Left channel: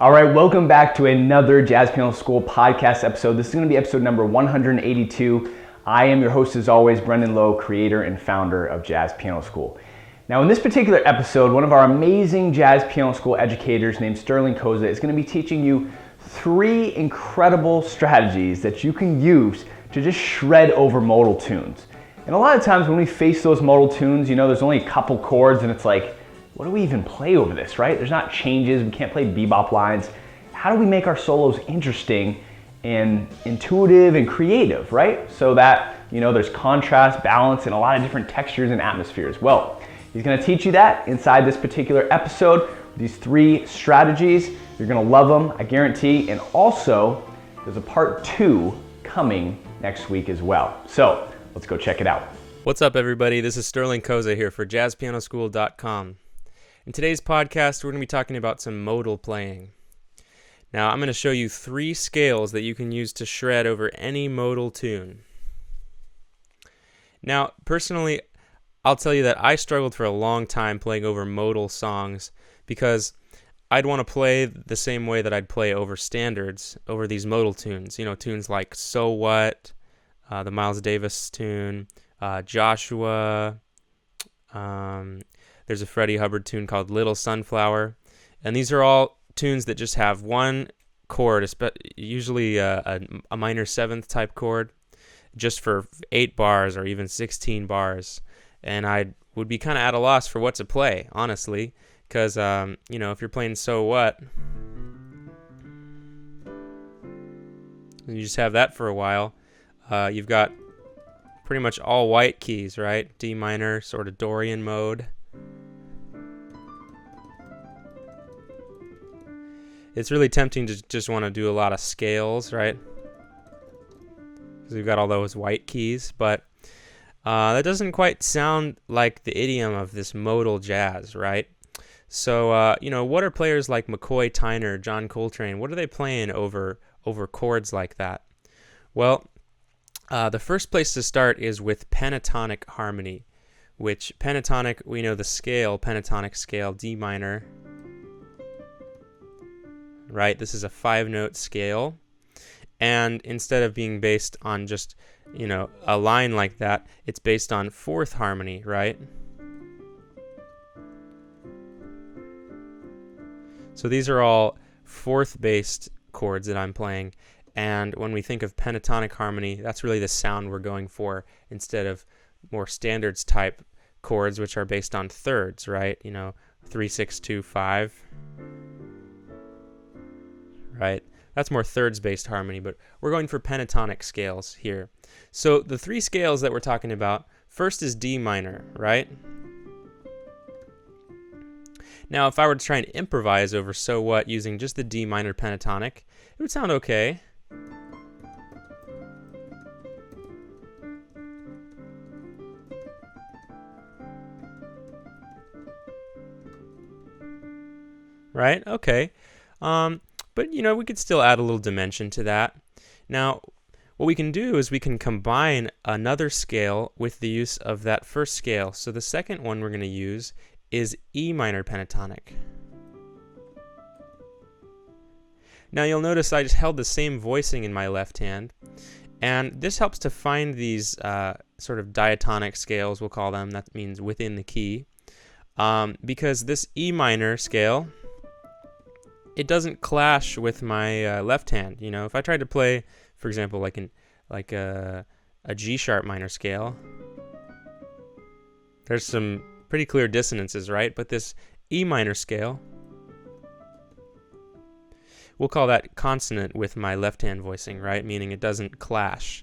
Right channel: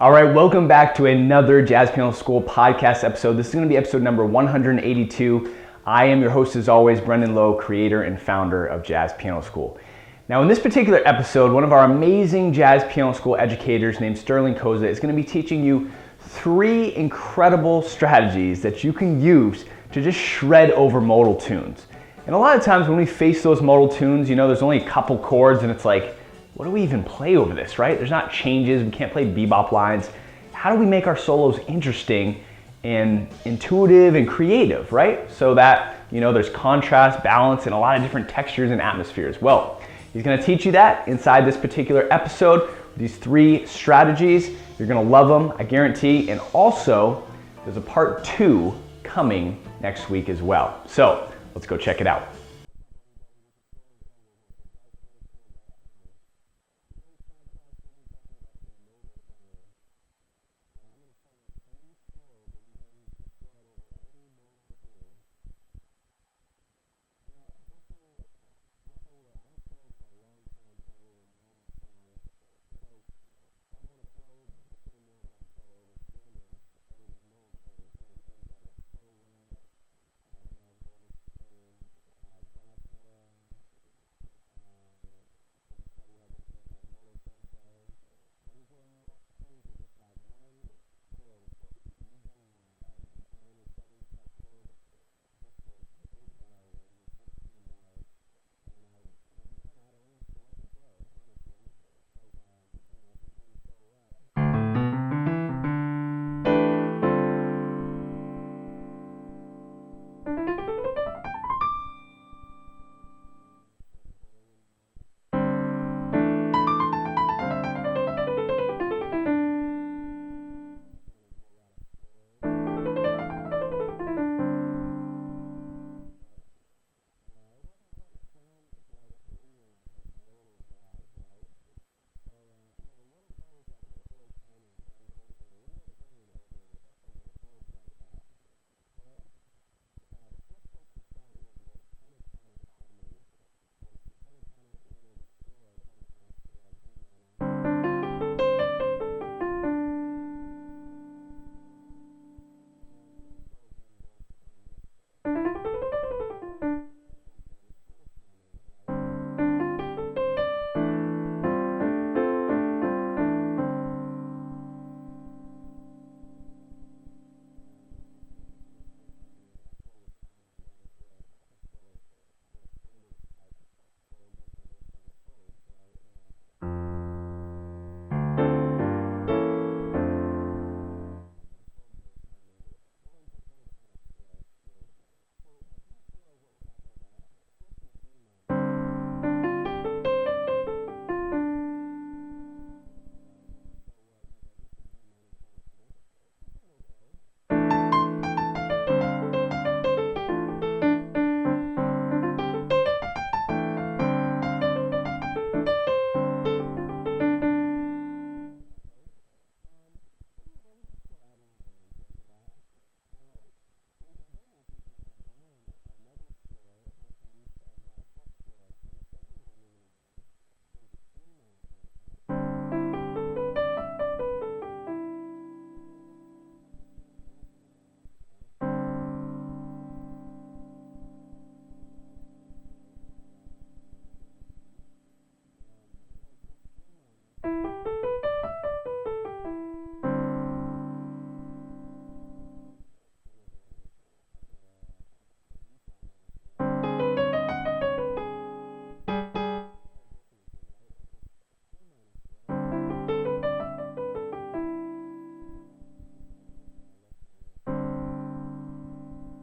All right, welcome back to another Jazz Piano School podcast episode. This is going to be episode number 182. I am your host as always, Brendan Lowe, creator and founder of Jazz Piano School. Now in this particular episode, one of our amazing Jazz Piano School educators named Sterling Koza is going to be teaching you 3 incredible strategies that you can use to just shred over modal tunes. And a lot of times when we face those modal tunes, there's only a couple chords and it's like, what do we even play over this, right? There's not changes, we can't play bebop lines. How do we make our solos interesting and intuitive and creative, right? So that, there's contrast, balance, and a lot of different textures and atmospheres. Well, he's gonna teach you that inside this particular episode. These 3 strategies, you're gonna love them, I guarantee. And also, there's a part 2 coming next week as well. So let's go check it out. What's up, everybody? This is Sterling Koza here for jazzpianoschool.com. In today's podcast, we're going to be talking about some modal playing. Now, I'm going to show you 3 scales that you can use to shred over any modal tune. Now, personally, I'll tell you that I struggled for a long time playing over modal songs because I'd want to play the same way that I'd play over standards, over these modal tunes. Tunes like So What, the Miles Davis tune, Joshua. There's a Freddie Hubbard tune called Little Sunflower. And these are all tunes that just have one chord, usually a minor 7th type chord, just for 8 bars or even 16 bars. And I would be kind of at a loss for what to play, honestly, because, if you're playing So What, and you just have that for a while, you've got pretty much all white keys, right? D minor, sort of Dorian mode. It's really tempting to just want to do a lot of scales, right? Because we've got all those white keys, but that doesn't quite sound like the idiom of this modal jazz, right? So, what are players like McCoy Tyner, John Coltrane, what are they playing over chords like that? Well, the first place to start is with Pentatonic Harmony, which pentatonic, we know the scale, pentatonic scale, D minor, right? This is a 5-note scale, and instead of being based on just, a line like that, it's based on 4th harmony, right? So these are all 4th-based chords that I'm playing. And when we think of pentatonic harmony, that's really the sound we're going for instead of more standards type chords, which are based on thirds, right? 3, 6, 2, 5. Right? That's more thirds-based harmony, but we're going for pentatonic scales here. So the 3 scales that we're talking about, first is D minor, right? Now, if I were to try and improvise over So What using just the D minor pentatonic, it would sound okay. Right? Okay. But, we could still add a little dimension to that. Now, what we can do is we can combine another scale with the use of that first scale. So the second one we're going to use is E minor pentatonic. Now, you'll notice I just held the same voicing in my left hand. And this helps to find these sort of diatonic scales, we'll call them. That means within the key. Because this E minor scale, it doesn't clash with my left hand. If I tried to play, for example, like a G sharp minor scale, there's some pretty clear dissonances, right? But this E minor scale, we'll call that consonant with my left hand voicing, right? Meaning it doesn't clash.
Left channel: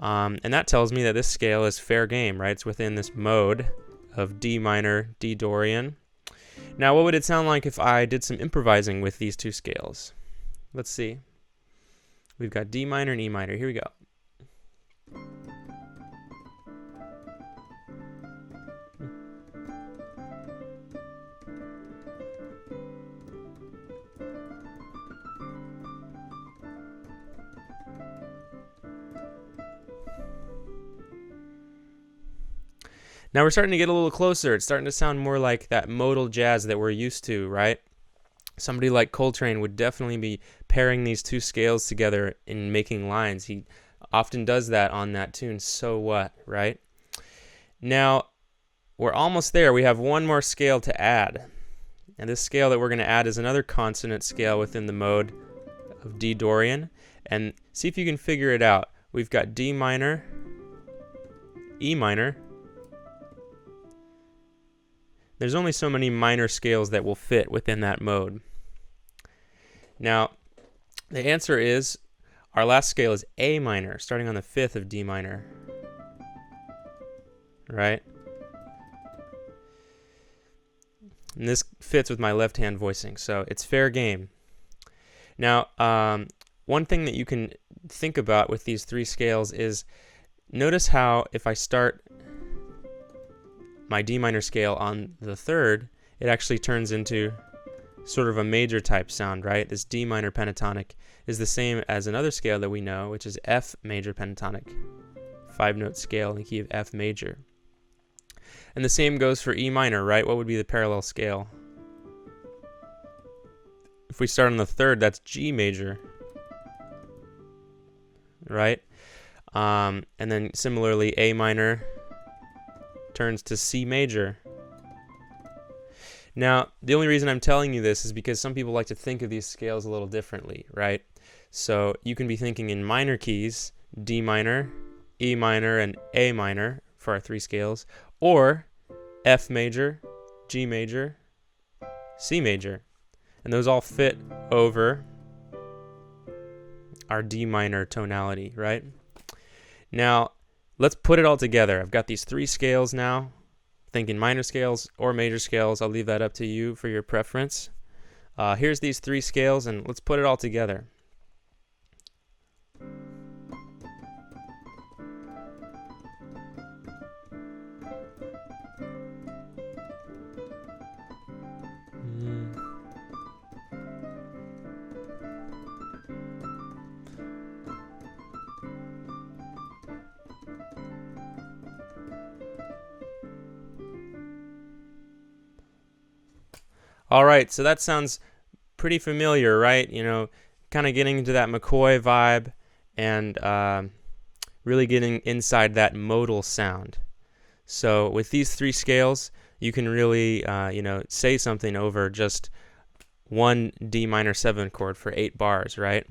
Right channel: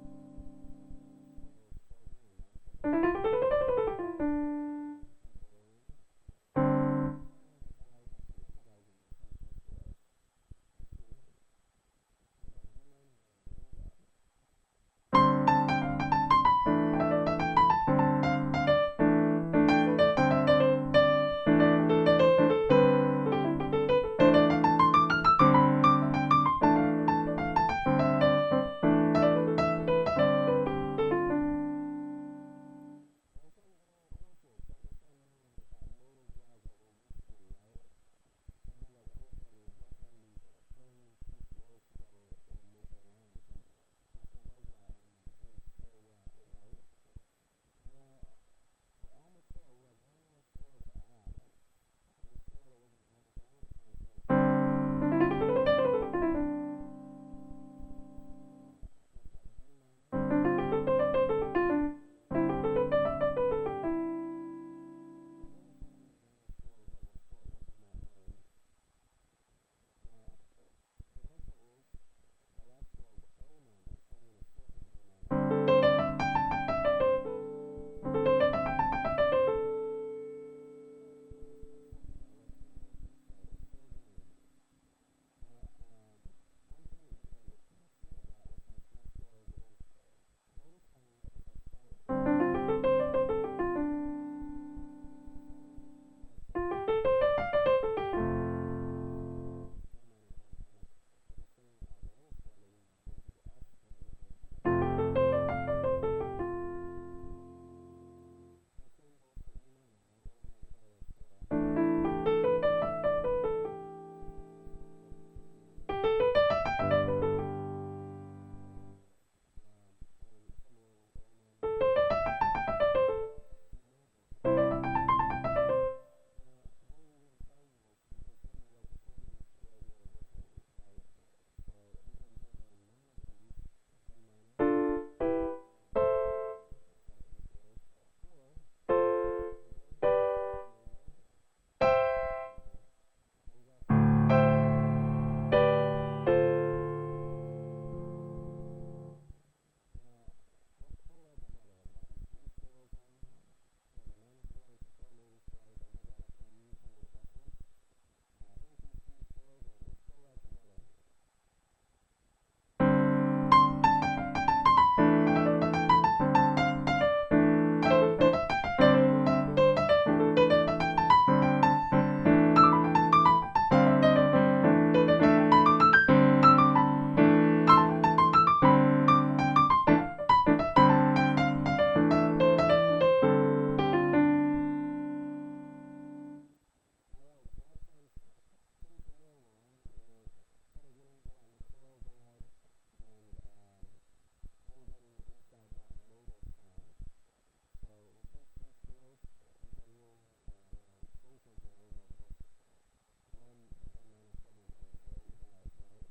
And that tells me that this scale is fair game, right? It's within this mode of D minor, D Dorian. Now, what would it sound like if I did some improvising with these 2 scales? Let's see. We've got D minor and E minor. Here we go. Now we're starting to get a little closer. It's starting to sound more like that modal jazz that we're used to, right? Somebody like Coltrane would definitely be pairing these two scales together and making lines. He often does that on that tune, So What, right? Now, we're almost there. We have one more scale to add. And this scale that we're going to add is another consonant scale within the mode of D Dorian. And see if you can figure it out. We've got D minor, E minor. There's only so many minor scales that will fit within that mode. Now, the answer is, our last scale is A minor, starting on the 5th of D minor. Right? And this fits with my left-hand voicing, so it's fair game. Now, one thing that you can think about with these three scales is, notice how if I start my D minor scale on the 3rd, it actually turns into sort of a major type sound, right? This D minor pentatonic is the same as another scale that we know, which is F major pentatonic, 5-note scale in the key of F major. And the same goes for E minor, right? What would be the parallel scale? If we start on the 3rd, that's G major, right? And then similarly, A minor turns to C major. Now, the only reason I'm telling you this is because some people like to think of these scales a little differently, right? So you can be thinking in minor keys, D minor, E minor, and A minor for our three scales, or F major, G major, C major. And those all fit over our D minor tonality, right? Now, let's put it all together. I've got these three scales now. Thinking minor scales or major scales, I'll leave that up to you for your preference. Here's these three scales, and let's put it all together. All right, so that sounds pretty familiar, right? You know, kind of getting into that McCoy vibe and really getting inside that modal sound. So with these three scales, you can really, say something over just one D minor 7 chord for 8 bars, right?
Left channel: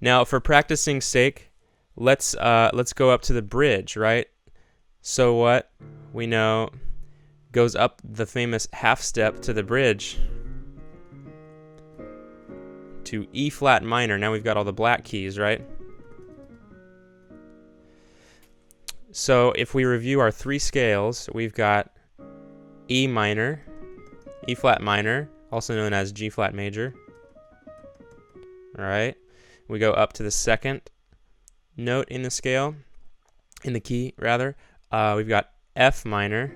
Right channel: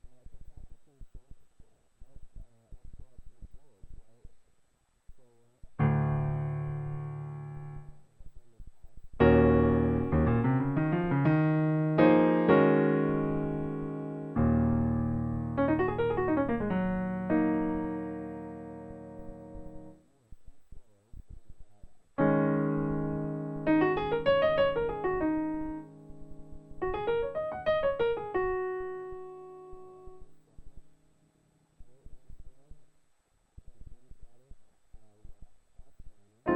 Now, for practicing sake, let's go up to the bridge, right? So what? We know goes up the famous half step to the bridge to E flat minor. Now we've got all the black keys, right? So if we review our three scales, we've got E minor, E flat minor, also known as G flat major. All right. We go up to the second note in the scale, in the key rather. We've got F minor,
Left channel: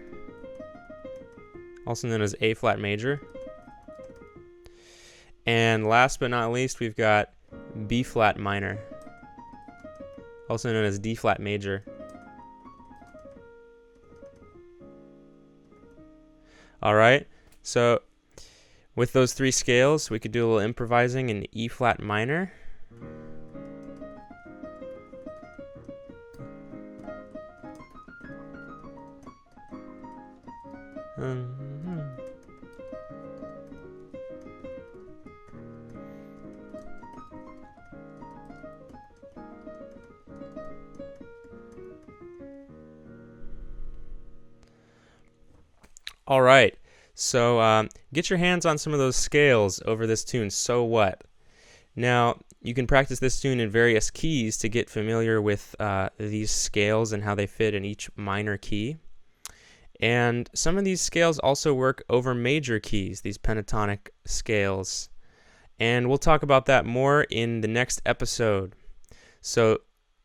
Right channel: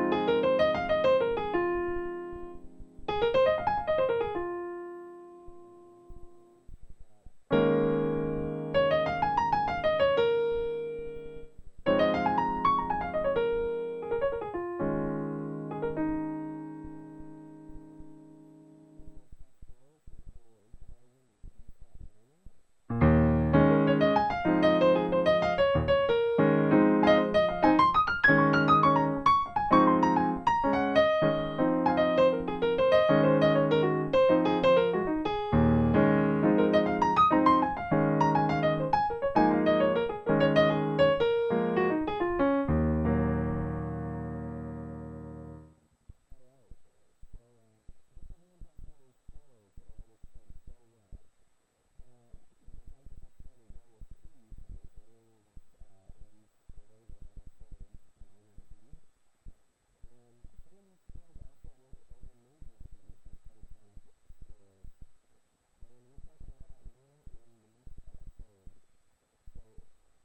also known as A flat major. And last but not least, we've got B flat minor, also known as D flat major. All right, so with those three scales, we could do a little improvising in E flat minor. All right, so get your hands on some of those scales over this tune, So What? Now, you can practice this tune in various keys to get familiar with these scales and how they fit in each minor key. And some of these scales also work over major keys, these pentatonic scales. And we'll talk about that more in the next episode. So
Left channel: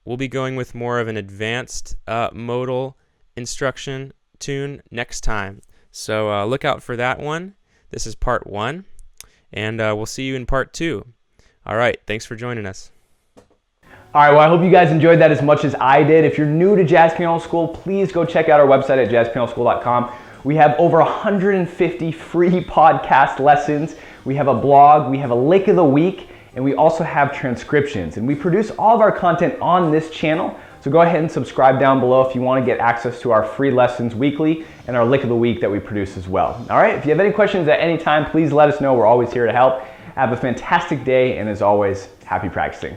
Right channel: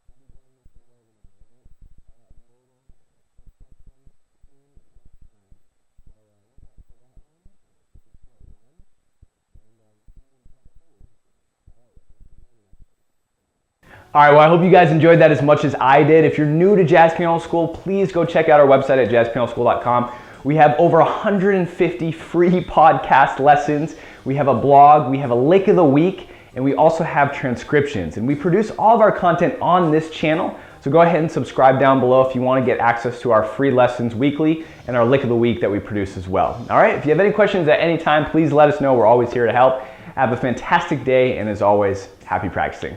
we'll be going with more of an advanced modal instruction tune next time. So look out for that one. This is part 1, and we'll see you in part 2. All right, thanks for joining us. All right, well, I hope you guys enjoyed that as much as I did. If you're new to Jazz Piano School, please go check out our website at jazzpianoschool.com. We have over 150 free podcast lessons. we have a blog, we have a lick of the week, and we also have transcriptions. And we produce all of our content on this channel. So go ahead and subscribe down below if you want to get access to our free lessons weekly and our lick of the week that we produce as well. All right, if you have any questions at any time, please let us know. We're always here to help. Have a fantastic day, and as always, happy practicing.